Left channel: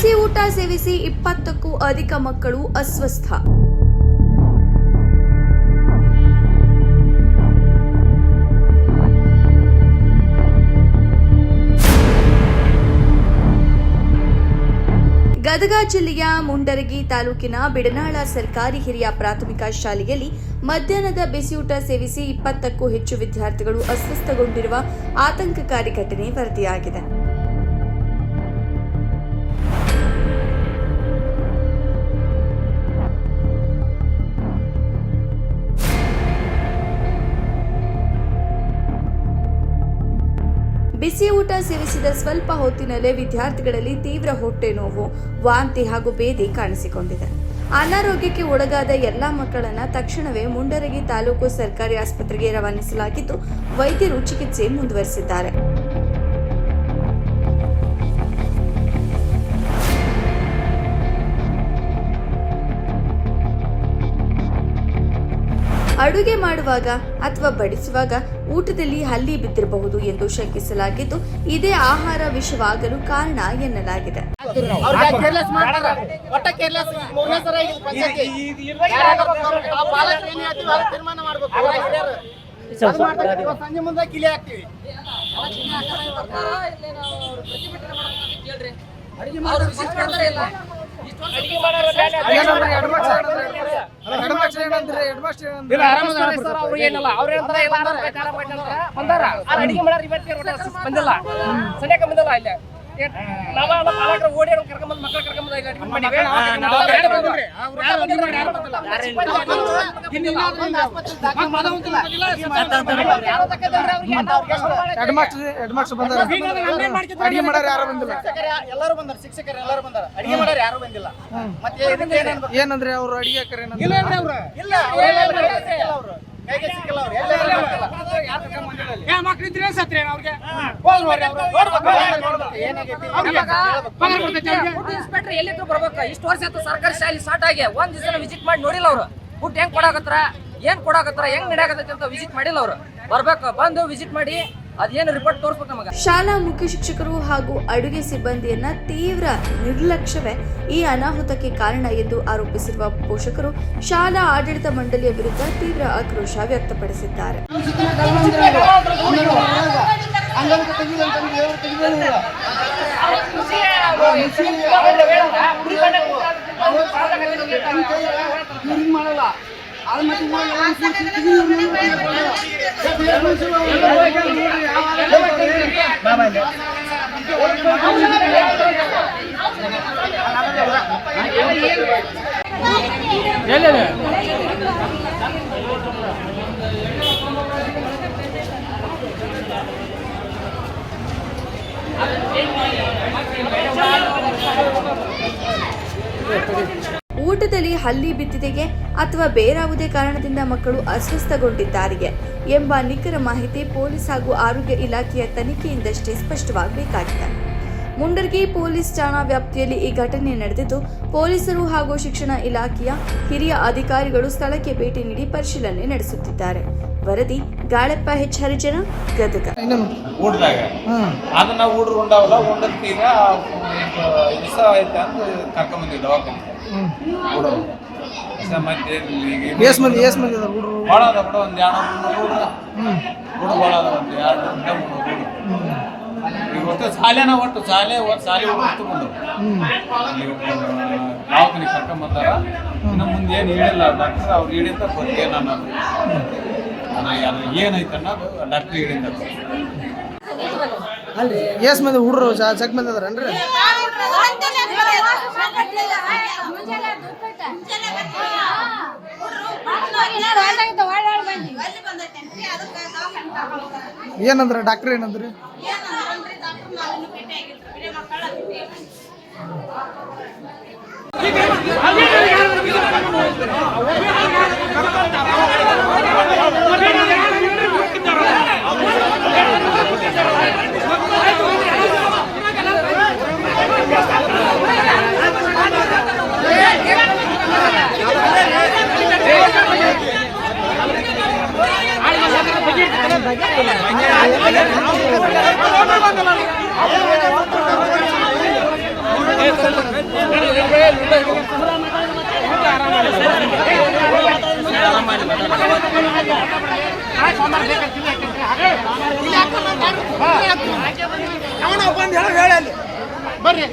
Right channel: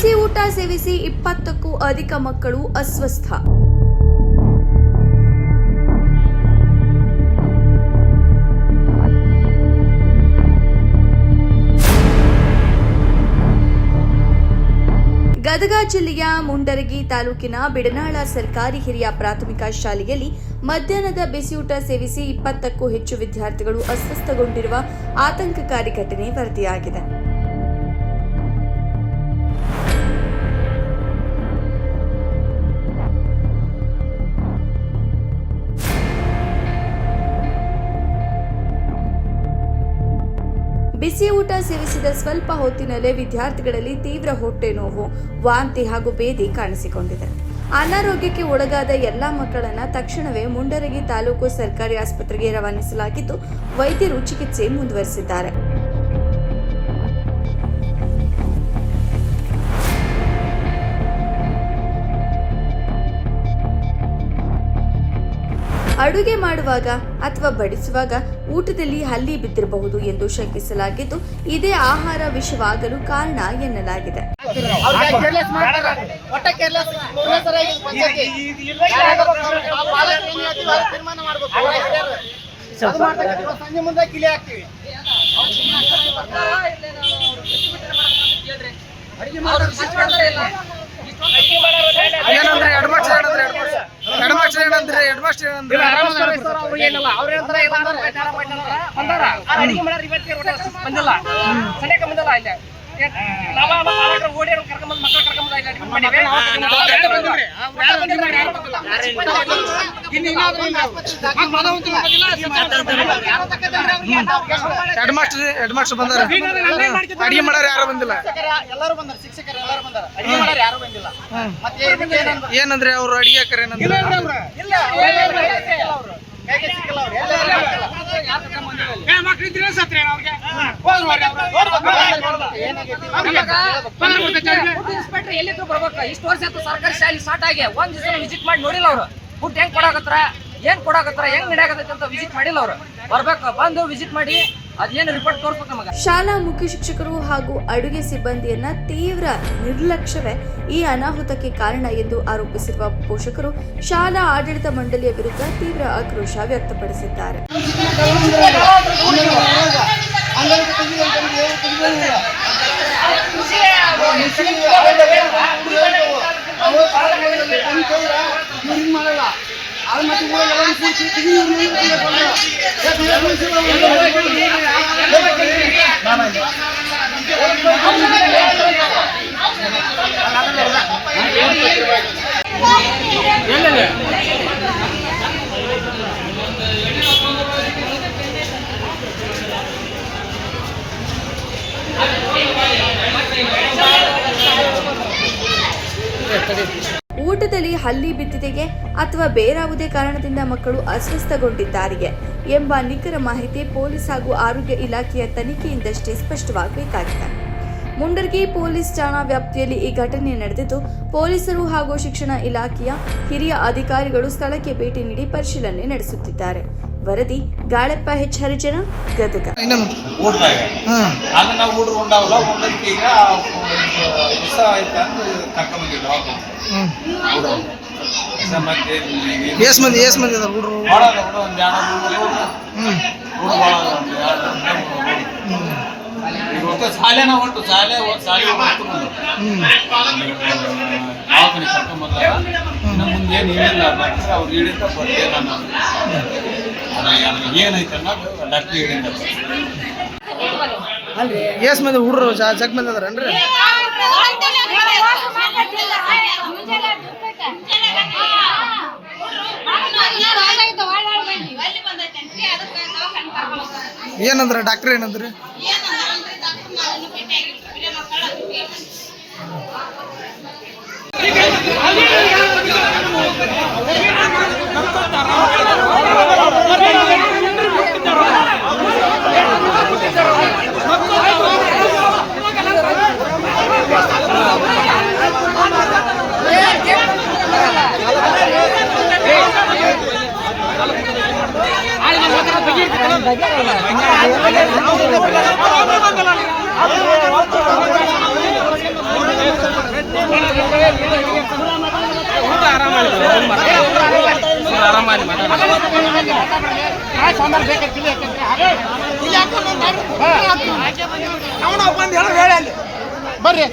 ಬಿಸಿ ಊಟ ಸೇವಿಸಿ 20ಕ್ಕೂ ಅಧಿಕ ಮಕ್ಕಳು ಅಸ್ವಸ್ಥ. ಗದಗ ಜಿಲ್ಲೆಯ ಮುಂಡರಗಿ ತಾಲೂಕಿನ ಬಿಡನಾಳ ಸರ್ಕಾರಿ ಹಿರಿಯ ಪ್ರಾಥಮಿಕ ಶಾಲೆಯಲ್ಲಿ ಮಧ್ಯಾಹ್ನದ ಬಿಸಿಯೂಟ ಸೇವಿಸಿ 20ಕ್ಕೂ ಹೆಚ್ಚು ವಿದ್ಯಾರ್ಥಿಗಳು ಅಸ್ವಸ್ಥಗೊಂಡಿರುವ ಆತಂಕಕಾರಿ ಘಟನೆ ವರದಿಯಾಗಿದೆ. ಬಿಸಿ ಊಟ ಸೇವಿಸಿದ ಸ್ವಲ್ಪ ಹೊತ್ತಿನಲ್ಲೇ ವಿದ್ಯಾರ್ಥಿಗಳಲ್ಲಿ ತೀವ್ರ ಹೊಟ್ಟೆ ನೋವು, ವಾಂತಿ ಹಾಗೂ ಬೇದಿ ಕಾಣಿಸಿಕೊಂಡಿದೆ. ಅನಾರೋಗ್ಯಕ್ಕೆ ಒಳಗಾದ ಎಲ್ಲಾ ಮಕ್ಕಳನ್ನ ತಕ್ಷಣವೇ ಮುಂಡರಗಿ ತಾಲೂಕು ಸರ್ಕಾರಿ ಆಸ್ಪತ್ರೆಗೆ ರವಾನಿಸಲಾಗಿದ್ದು ವೈದ್ಯರು ಚಿಕಿತ್ಸೆ ಮುಂದುವರೆಸಿದ್ದಾರೆ. ಅಡುಗೆ ಮಾಡುವಾಗ ಅಥವಾ ಬಡಿಸುವಾಗ ಊಟದಲ್ಲಿ ಹಲ್ಲಿ ಬಿದ್ದಿರಬಹುದು ಎಂದು ಶಂಕಿಸಲಾಗಿದ್ದು, ಇದೇ ಆಹಾರ ವಿಷವಾಗಲು ಕಾರಣ ಎನ್ನಲಾಗಿದೆ. ಅಡಿಗೆ ಮಾಡೋರು ಯಾರು ಬಂದಿಲ್ಲ. ಏನಂದ್ರೆ ಅವ್ರು ಅಡಿಗೆ ಇನ್ಸ್ಪೆಕ್ಟರ್ ಎಲ್ಲಿದ್ರು ಬರ್ಬೇಕು. ಇಷ್ಟು ವರ್ಷ ಆಯ್ತು ಸರ್ಕಾರಿ ಶಾಲೆ ಸ್ಟಾರ್ಟ್ ಆಗಿ ಒಂದ್ ದಿವಸ ವಿಸಿಟ್ ಮಾಡಿ ನೋಡಿಲ್ಲ ಅವ್ರು. ಫುಡ್ ಹೆಂಗ್ ಕೊಡಾಕತ್ರ, ಏನ್ ಕೊಡಾಕತ್ರ, ಹೆಂಗ್ ನಡ್ಯಾಕತ್ತೈತಿ ಅಂತ ವಿಸಿಟ್ ಮಾಡಿಲ್ಲ ಅವ್ರು. ಬರ್ಬೇಕು, ಬಂದು ವಿಸಿಟ್ ಮಾಡಿ ಅದೇನು ರಿಪೋರ್ಟ್ ತೋರಿಸ್ಬೇಕು ನಮಗೆ. ಶಾಲಾ ಮುಖ್ಯ ಶಿಕ್ಷಕರು ಹಾಗೂ ಅಡುಗೆ ಸಿಬ್ಬಂದಿಯನ್ನ ತೀವ್ರ ನಿರ್ಲಕ್ಷ್ಯವೇ ಈ ಅನಾಹುತಕ್ಕೆ ಕಾರಣ ಎಂದು ಆರೋಪಿಸಿರುವ ಪೋಷಕರು ಶಾಲಾ ಆಡಳಿತ ಮಂಡಳಿಯ ವಿರುದ್ಧ ತೀವ್ರ ಆಕ್ರೋಶ ವ್ಯಕ್ತಪಡಿಸಿದ್ದಾರೆ. ಊಟದಲ್ಲಿ ಹಲ್ಲಿ ಬಿದ್ದಿದೆಯೇ ಅಥವಾ ಬೇರಾವುದೇ ಕಾರಣದಿಂದ ಮಕ್ಕಳು ಅಸ್ವಸ್ಥಗೊಂಡಿದ್ದಾರೆಯೇ ಎಂಬ ನಿಖರ ಮಾಹಿತಿ ಪೊಲೀಸ್ ಹಾಗೂ ಆರೋಗ್ಯ ಇಲಾಖೆಯ ತನಿಖೆಯಿಂದಷ್ಟೇ ಸ್ಪಷ್ಟವಾಗಬೇಕಾಗಿದೆ. ಮುಂಡರಗಿ ಪೊಲೀಸ್ ಠಾಣಾ ವ್ಯಾಪ್ತಿಯಲ್ಲಿ ಈ ಘಟನೆ ನಡೆದಿದ್ದು, ಪೊಲೀಸರು ಹಾಗೂ ಶಿಕ್ಷಣ ಇಲಾಖೆಯ ಹಿರಿಯ ಅಧಿಕಾರಿಗಳು ಸ್ಥಳಕ್ಕೆ ಭೇಟಿ ನೀಡಿ ಪರಿಶೀಲನೆ ನಡೆಸುತ್ತಿದ್ದಾರೆ. ವರದಿ ಗಾಳಪ್ಪ ಹೆಚ್ ಹರಿಜನ, ಗದಗ. ಶಾಲೆನ ಒಟ್ಟು ಶಾಲೆ ದವಾಖಾನೆ ಕರ್ಕೊಂಬಂದಾಗ ಇನ್ನು ಮುಂದೆ ಏನು ಹೇಳಿಲ್ಲ ಡಾಕ್ಟರ್. ಅವ್ರು ಹೇಳಿದ್ದ ಗೊತ್ತೇ ನಾನು ಏನೈತೆ ಅನ್ನೋದು ಡಾಕ್ಟ್ರ್ ಹೇಳಿದ್ದ. ಎಸ್ ಮಂದಿ ಹುಡ್ರು ಜಗ್ ಮಂದಿ ಅದಾರನ್ರಿ? ಏನಂದ್ರ ಡಾಕ್ಟರ್ ಏನಂದ್ರಿ? ಬಗೆ ಬರ್ರಿ